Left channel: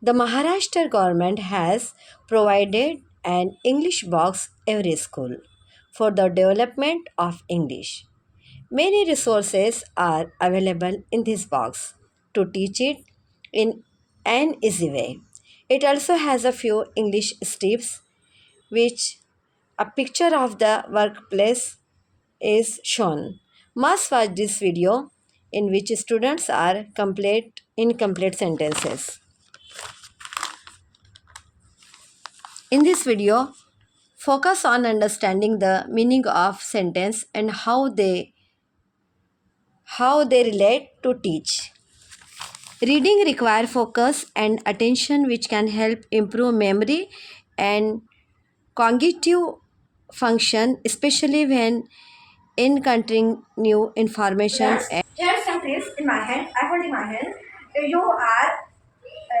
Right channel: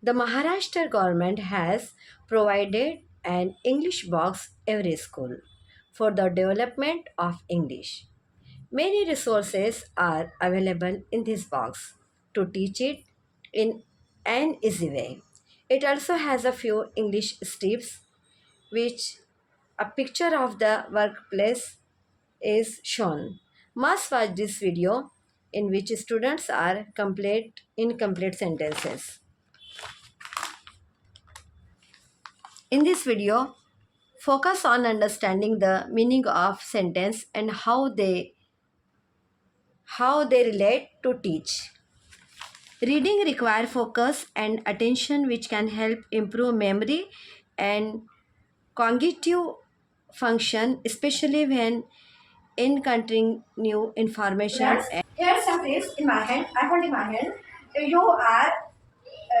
The Maharashtra government has provided an English box every school for the development of English. Many resources are available in this box to teach it in an easy way. It also has a few English strips which a picture of the workplace is shown. Must watch this video in which students are complete incomplete sentences. In this video, focus on understanding the meaning of sentence and how they relate to teach. Reading require focus and attention which can help improve memory and cognitive function especially when encountering new information. Yes. Here some tips in my hand. I hold in my hand. You are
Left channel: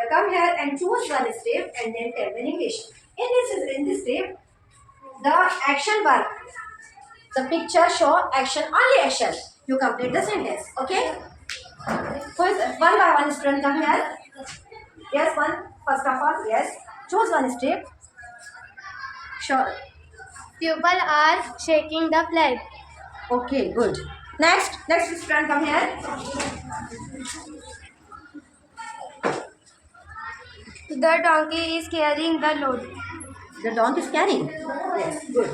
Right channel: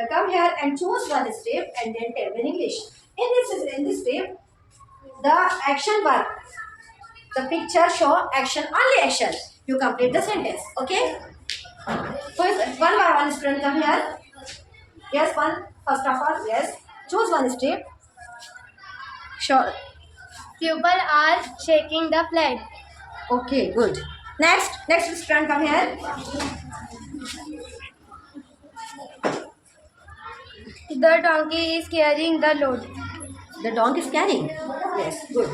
come here and choose one step and then tell in English. In this step, the action verb, the picture show action only action. You complete the sentence. Okay. First, one by one student come here. Yes, one. First of all, yes. Choose one step. Sure. People are shaking the flag. Okay, good. Next student come here. The donkey is carrying the load. The dog is carrying. Yes, good.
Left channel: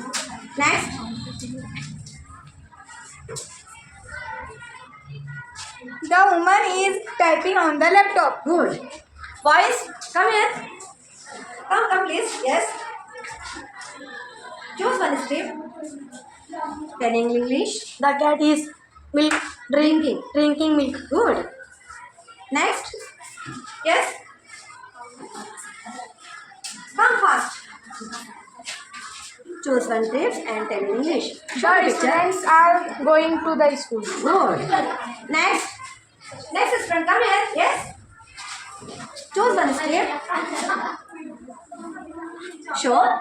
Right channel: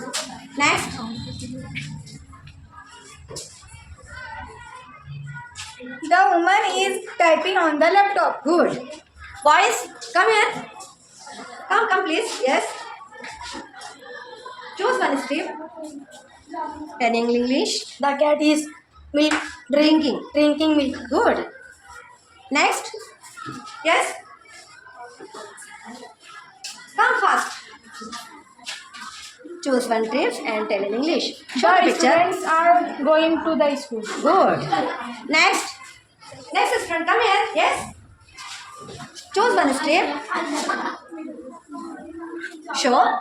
Next. The woman is typing on the laptop. Good. Boys, come here. Come, please. Yes. Choose one step. Tell in English. The cat is milk drinking milk. Good. Next. Yes. Come fast. Choose one tips and tell in English. Show The picture. students are going to the school. Good. Next. Next student, come here. Yes. Choose one step. Show.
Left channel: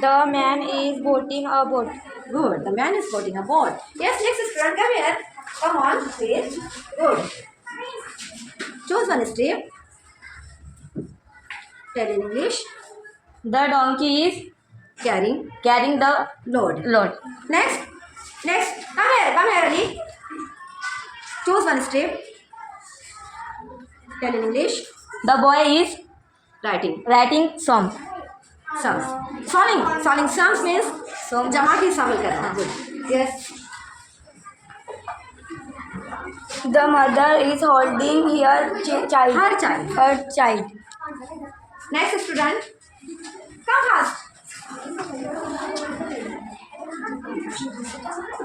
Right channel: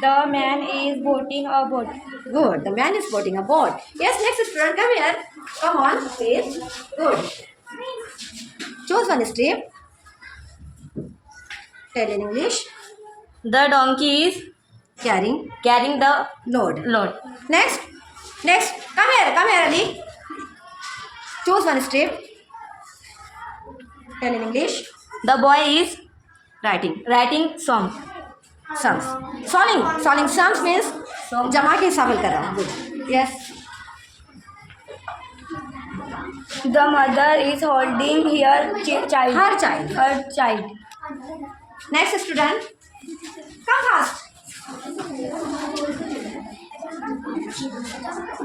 The man is boating a boat. Good. The man is boating a boat. Yes, next student, come here. Come on, please. Good. Choose one step. Tell in English. The donkey is Carrying carrying the load. load. Next. Come here, Ali. Choose one step. Tell in English. The boy is Writing song. sums. Solving sums means जमा के शामिल करना. Good. Yes. The mother is holding her child. Her child. Next student. Come fast.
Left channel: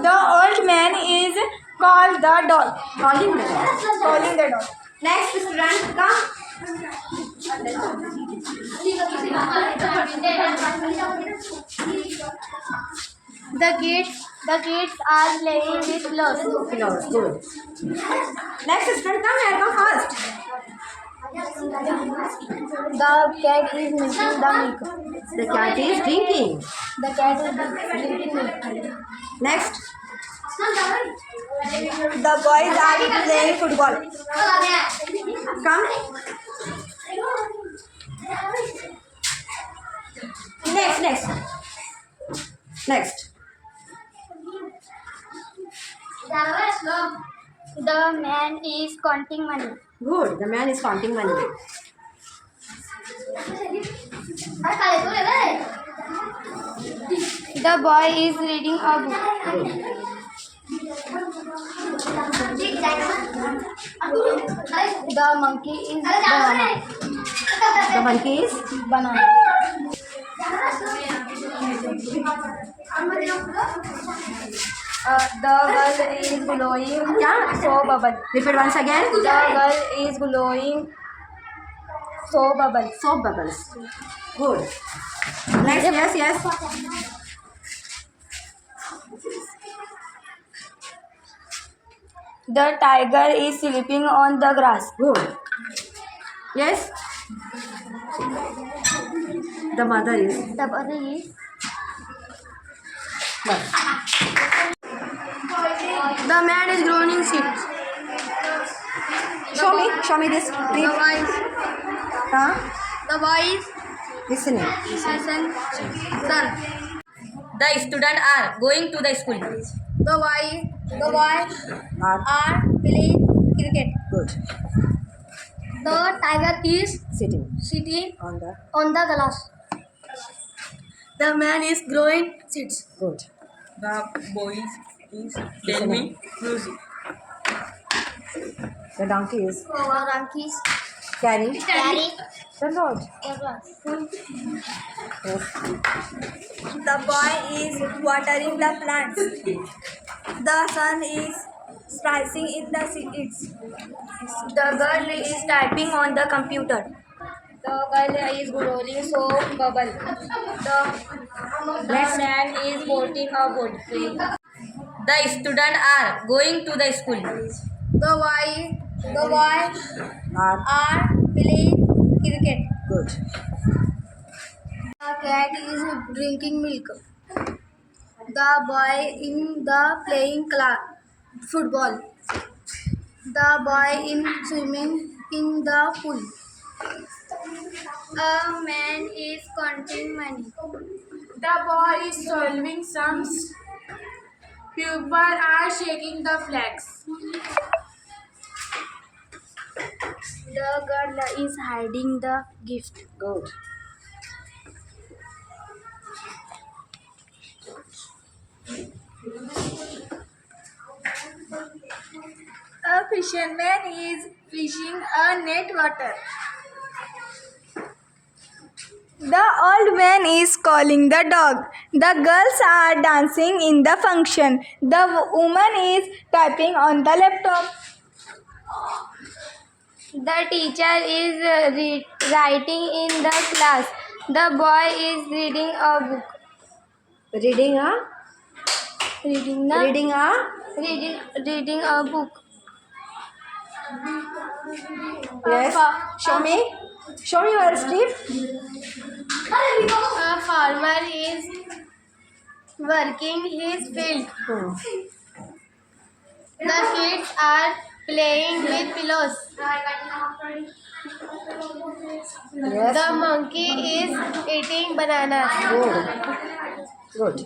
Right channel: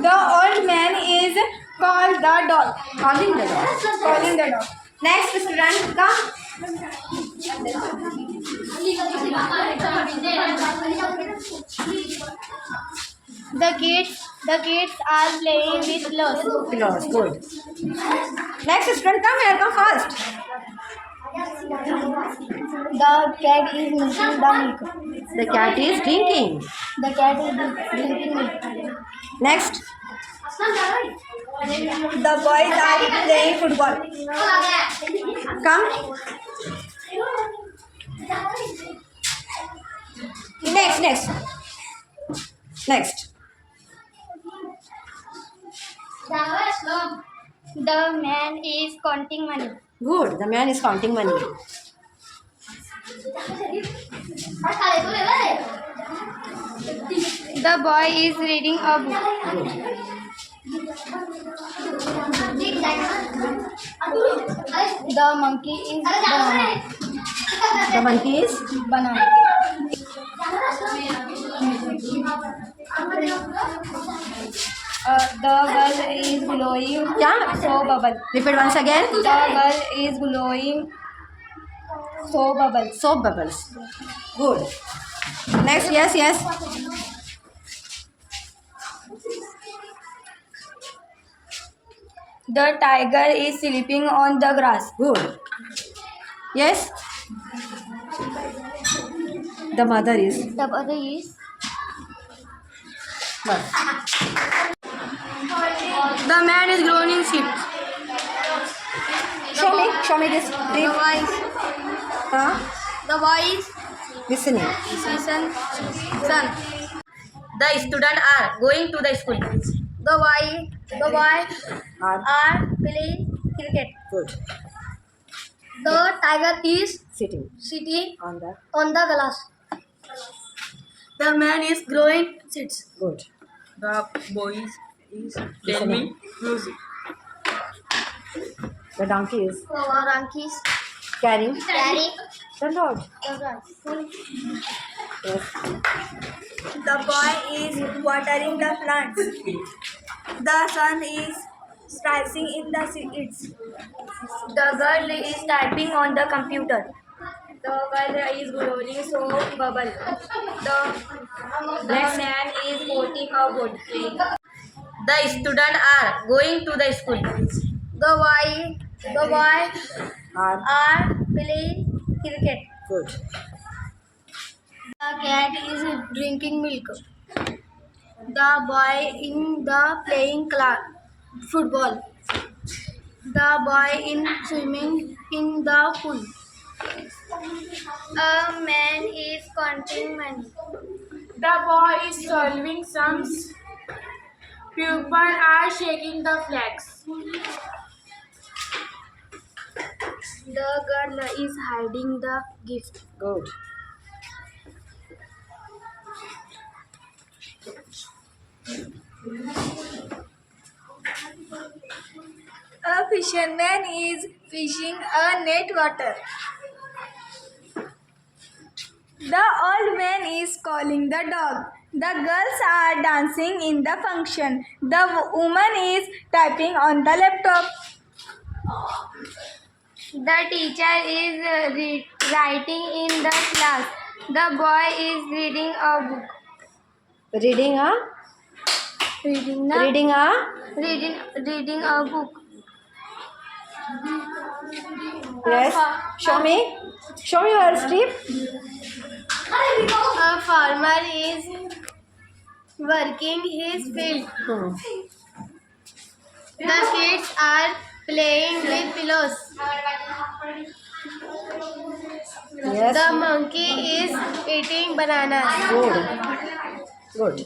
The old man is called the dog. Calling the dog. Calling the dog. Next student. Come. The kids are playing with clothes. Yours. Good. Next student. Come here. Come fast. The cat is milking the milk. The cat is drinking. The cat is drinking milk. Next. The boys are playing football. Come. Next. The man is counting money. Good. The man is counting money. The boy is reading a book. Good. The monkey is banana. The monkey is Banana. The girl is glowing. Yeah. So bubble. Repeat once again. The girl is glowing. So bubble. Soap bubbles. Good. Next. Yes. The tiger is sleeping on the grass. Good. Yes. The mother is. The mother is. What? The man is growing seeds. Show me this. The wife The boy is Listening. son. The students are going to the school. The boy are playing cricket. Good. The tiger is Sitting sitting on the. on the glass. The man is growing seeds. Good. The boy is Listening. telling music. The donkey is The donkey is carrying carrying the load. the grass. Yes. The boy is watering the plants. The sun is slicing in the seeds. The girl is typing on the computer. The girl is blowing soap bubble. The man is putting a wood. The students are going to the school. The boy are playing cricket. Good. The cat is drinking milk. The boy in the playing football. The boy in swimming in the pool. A man is counting money. The boy is solving sums. Pupils are shaking the flags. The girl is hiding the gift. Good. A fisherman is fishing a net water. The old man is calling the dog. The girls are dancing in the function. The woman is typing on the laptop. The teacher is writing in the class. The boy is reading a book. Reading a. Reading a book. Yes. Show me. Show me your strip. A farmer is working his field. The kids are playing with pillows. Yes. The monkey is eating bananas. Good. Good.